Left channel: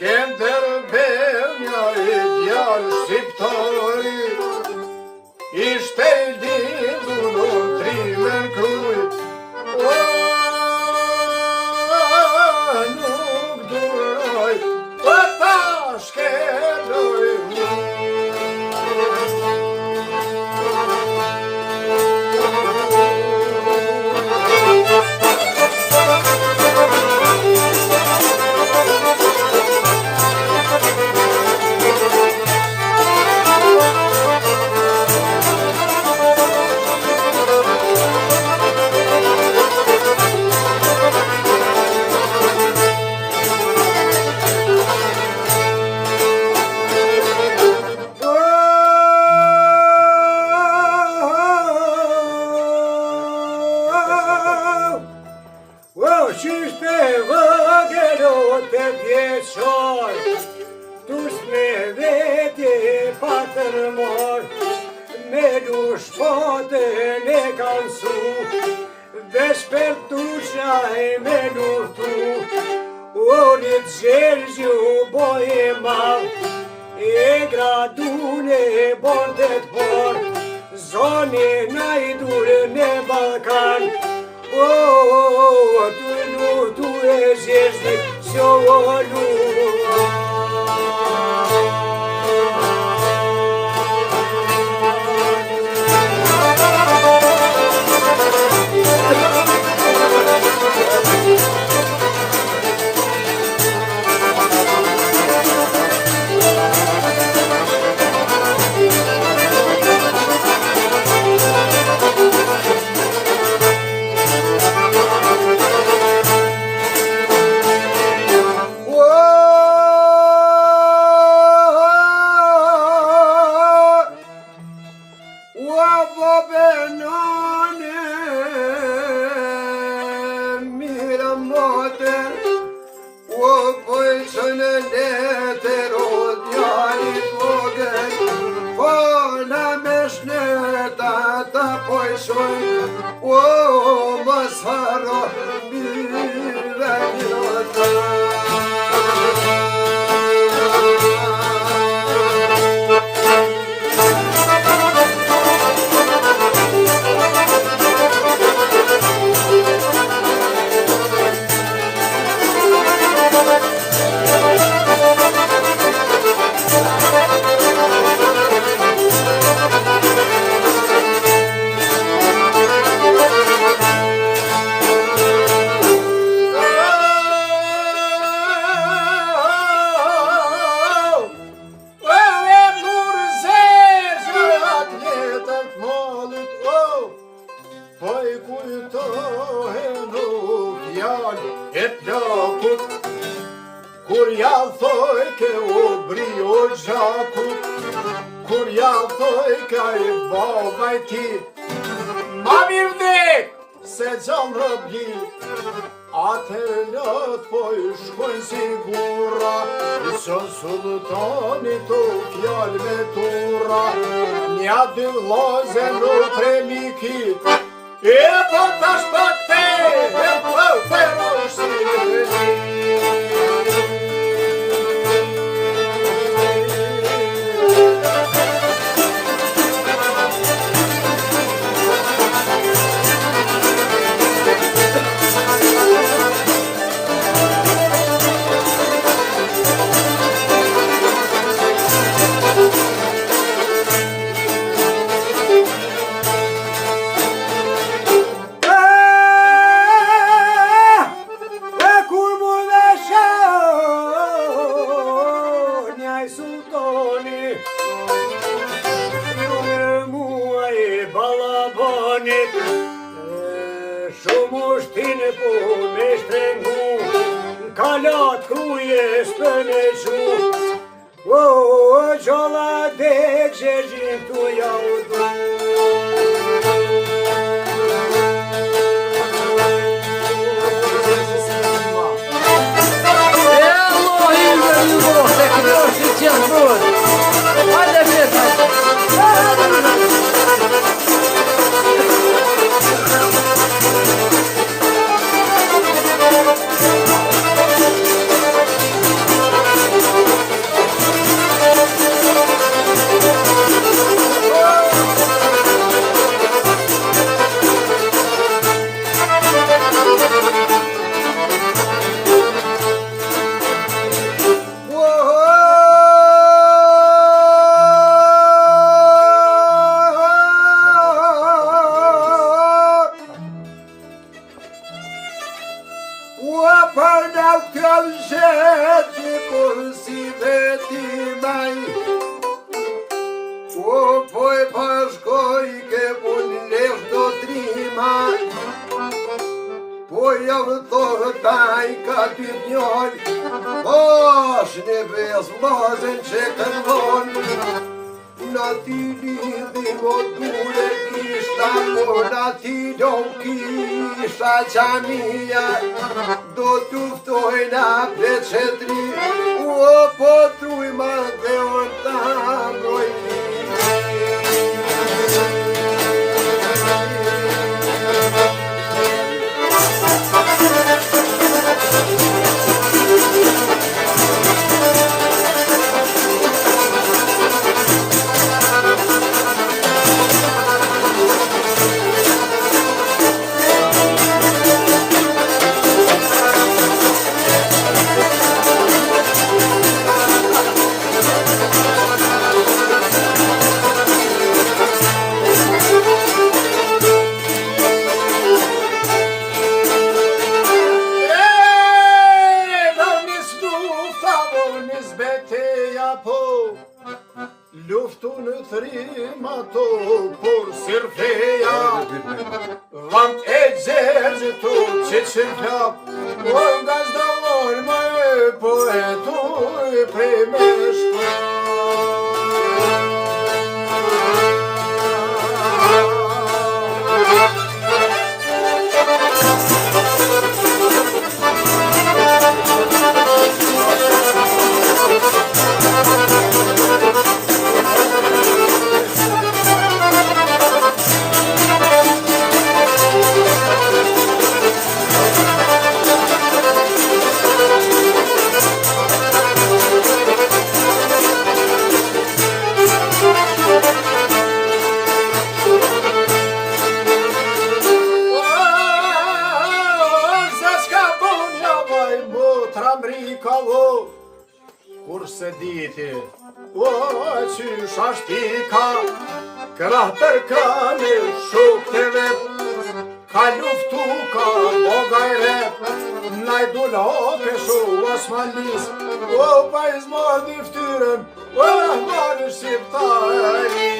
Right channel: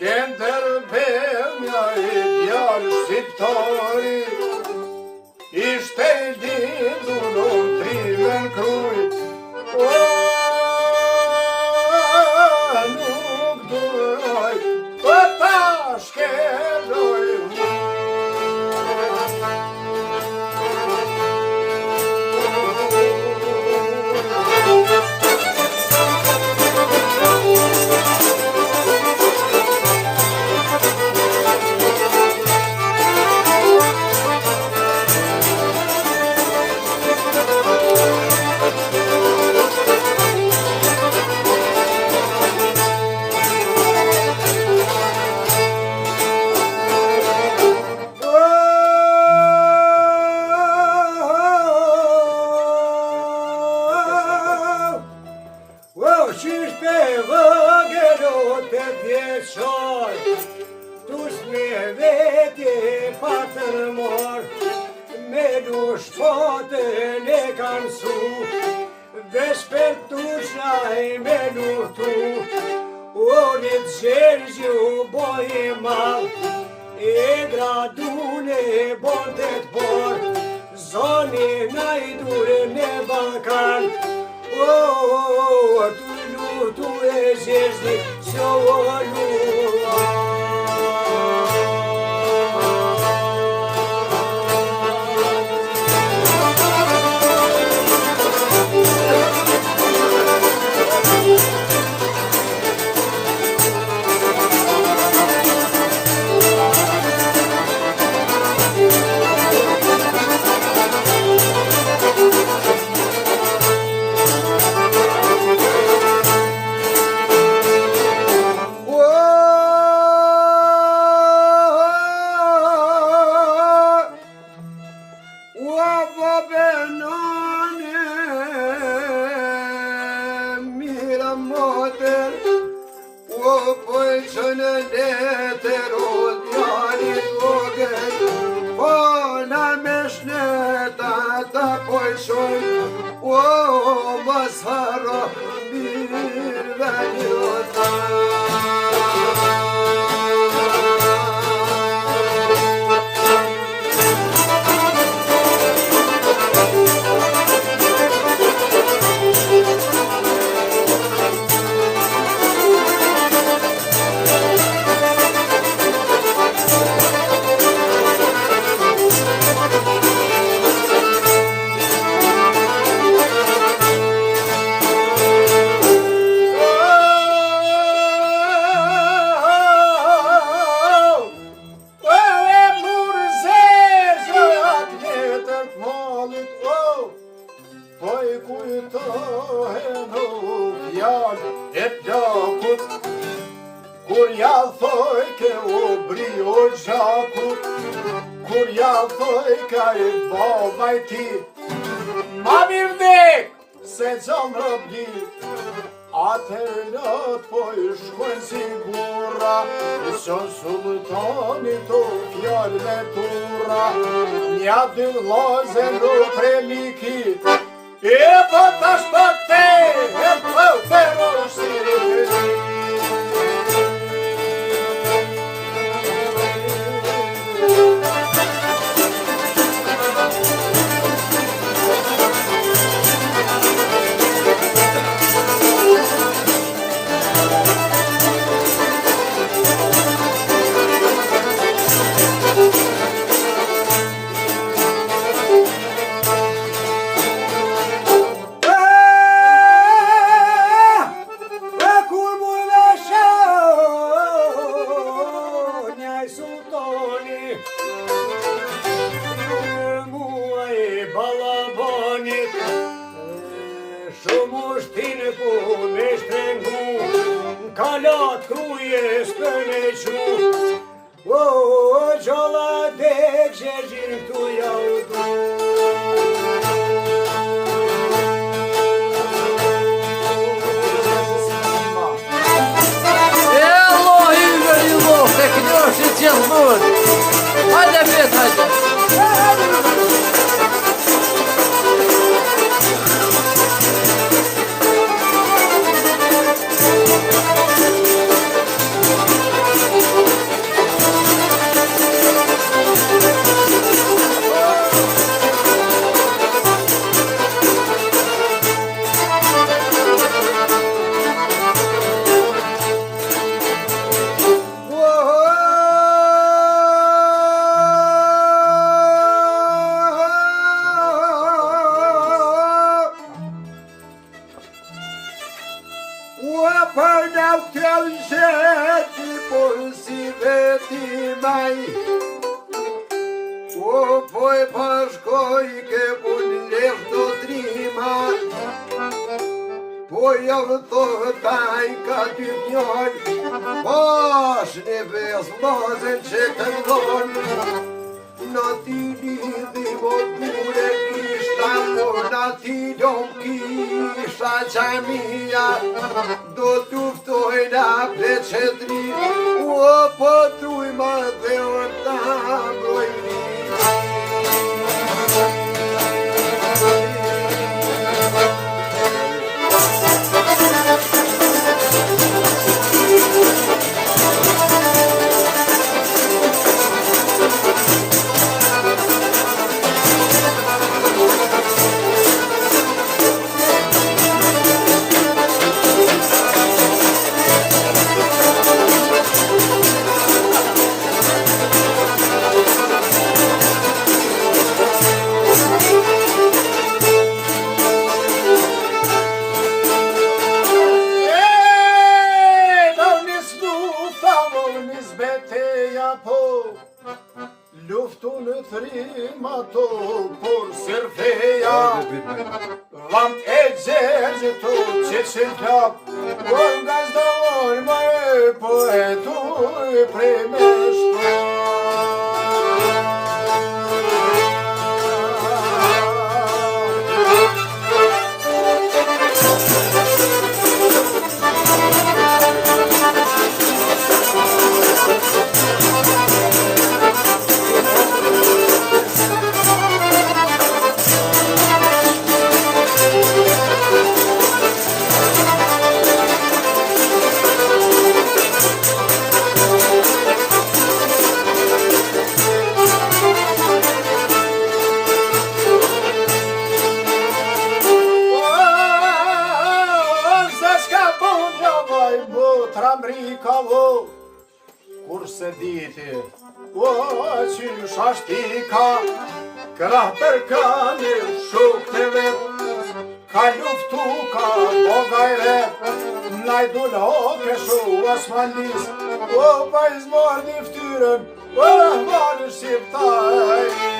Skender Benja I djarë shqiptari Ishte I lindur o trimen kruj Nuk duraj ta shkeloj Qishte vëgëllot të vjeqar Tush me veti patër mor Me lush potën e kanë su Vesh për tusha e me lutu Orit gjergju boj e mal E gradune bondet por Zoni na I dure në Balkan Tu e zezdi sjolu Kur ja thoj ke u bri o gjakut Kur ja thoj ka I baba I ti Ma mirë dek se gjon rëbji Atër lot po I shkojnë si gura Sën sultani të fjall me tura Nja dy vloze në premikit E po tash po te E po pero shqiri Kur desh për me shu O, gjolla dek zhezhin tu jau du Do t'uftojna pleqetri O po truj ma dhe orta mbrojni Luftu në thrim ato por sirfeja Vant e gjerë të që që flap O nga zdojnë më e poetu e prej me shkua Kurse diti, o qysh ashtika Krah për kanë shuk të vet Ka luftu, ka bogajre Najdu loke shu asmanis O pa izmar një ftyrën O marë shqiptari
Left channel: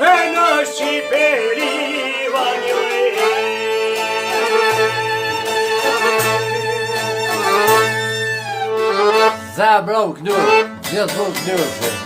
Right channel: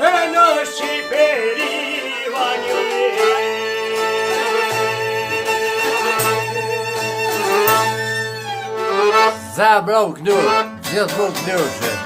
dhe në Shqipëri vanjoj. Za brau knur, gjithë brau knur.